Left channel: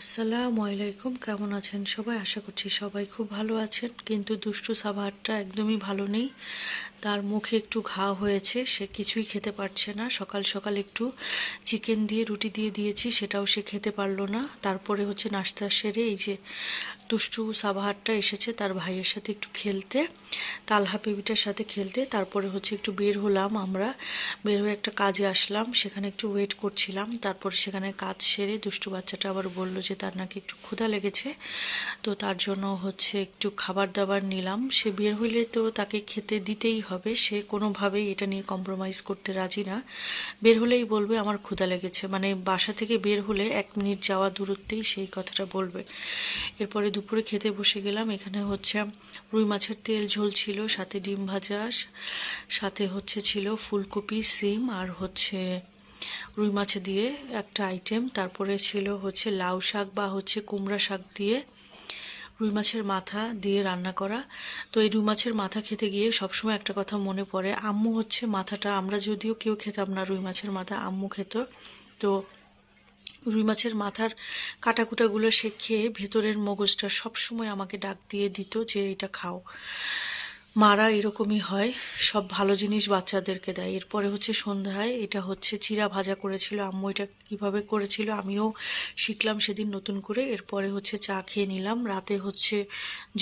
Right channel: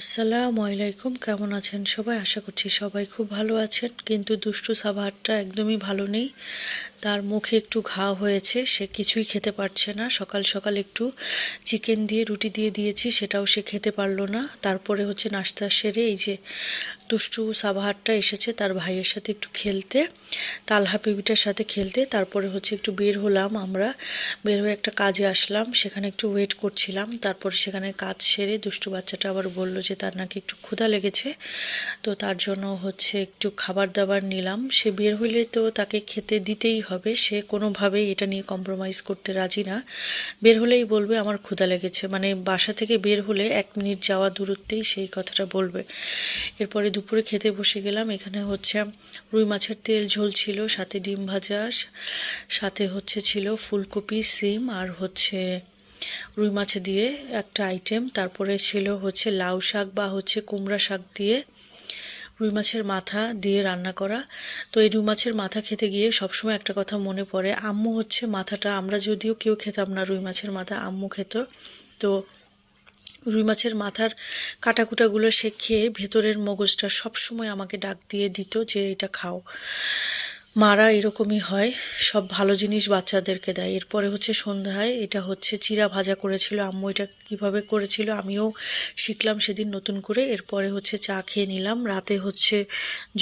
আসসালামু আলাইকুম, কেমন আছেন সবাই? আশা করছি সবাই খুব ভালো আছেন। কিন্তু দুষ্টু সাভারটা একদমই ভালো নেই। তার মুখে একটু ঘা হয়েছে, সে কিছুই খেতে পারছে না। সকাল সকাল একটু চিকেন দিয়ে রুটি দিয়ে দিয়েছি, সেটাও সে খেতে পারলো না। তারপরে নাস্তা সেরে এই যে দুষ্টু সাবাহারটা এসেছে তার ভাইয়ের সাথে একটু খেলতে, তালহা বেবিটার সাথে খেলতে। তারপরে একটু বের হলাম, আমরা বের হয়ে একটা কাজে আসলাম, সেখানে একটু ওয়েট করছিলাম। তারপরে সেখানে কাজ সেরে দুষ্টু বাচ্চাটা আবার বলল যে তার নাকি একটু ক্ষুধা লেগেছে, তো তার জন্য একটু খাবার দাবার নিলাম। সে বের হইলে তো তাকে খেতে দিতেই হবে, সে কোনোভাবেই এটা নিয়ে কম্প্রোমাইজ করতে রাজি না। বের হলেই বলবে আমার ক্ষুধা লেগেছে, মানে বাসা থেকে বের হলে 1 মিনিট যাওয়া দূরত্বেই সেই কথাটা বলবে। এরপরে দুপুরে খেতে বসে গেলাম। এখানে রুই মাছের তেল ঝোল ছিল, সাথে ডিম ভাজা, সাথে ছিল ফুলকপি, সিম, আর রুই মাছ দিয়ে একটা আইটেম। তারপরে ছিল লাউ শাক বা কুমড়া শাক দিয়ে রুই মাছের মাথা দিয়ে রান্না করা। তো এই রুই মাছের মাথা খেতে গিয়ে সবসময় একটা কথা মনে পড়ে, আম্মু মাথাটা, আমরা যদিও কেউ খেতাম না রুই মাছের মাথা, আম্মু খেত। তো রুই মাছের মাথার কাটাকুটাগুলো সে খেয়ে ভেতরের মগজটা সবসময় আমাকে ডাক দিয়ে দিত যে এটা খাও। মারা এরকমই হয়, সব ভালো জিনিস বাচ্চাদেরকে দেয়। এরপরে সন্ধ্যায় এটা চিড়া ভাজা করেছিল আম্মু। এটা কিভাবে করেছিল আমিও শিখলাম সেদিন নতুন করে। এরপরে চা খেয়ে নিলাম। রাতে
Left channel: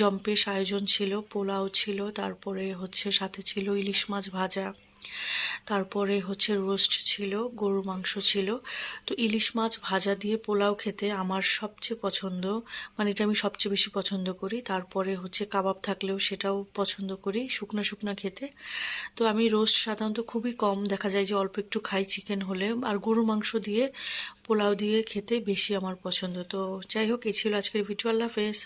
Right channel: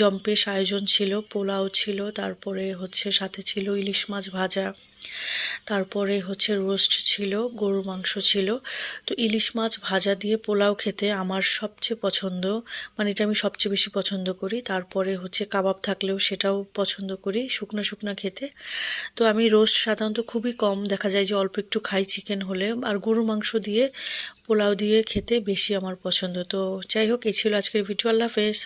জম্পেশ আয়োজন ছিল, পোলাও ছিল, তারপরে সাথে ছিল ইলিশ মাছ ভাজা, তারপরে রোস্ট ছিল, গরু মাংস ছিল। তো ইলিশ মাছ ভাজা দিয়ে পোলাও খেতে আমার সবচেয়ে পছন্দ, মানে এটা আমি সবচেয়ে বেশি পছন্দ করি। তারপরে কাবাব থাকলেও সেটাও পছন্দ করি শুকনা শুকনা খেতে। তো আমি রোস্ট সাধারণত খুবই কম, দেখা যায় যে অল্প একটু খাই চিকেন হলে, আর গরু মাংস দিয়ে পোলাও দিয়ে খেতে বেশি আমার পছন্দ। তো যাই হোক, এই ছিল আজকের ভিডিও। আল্লাহ হাফেজ।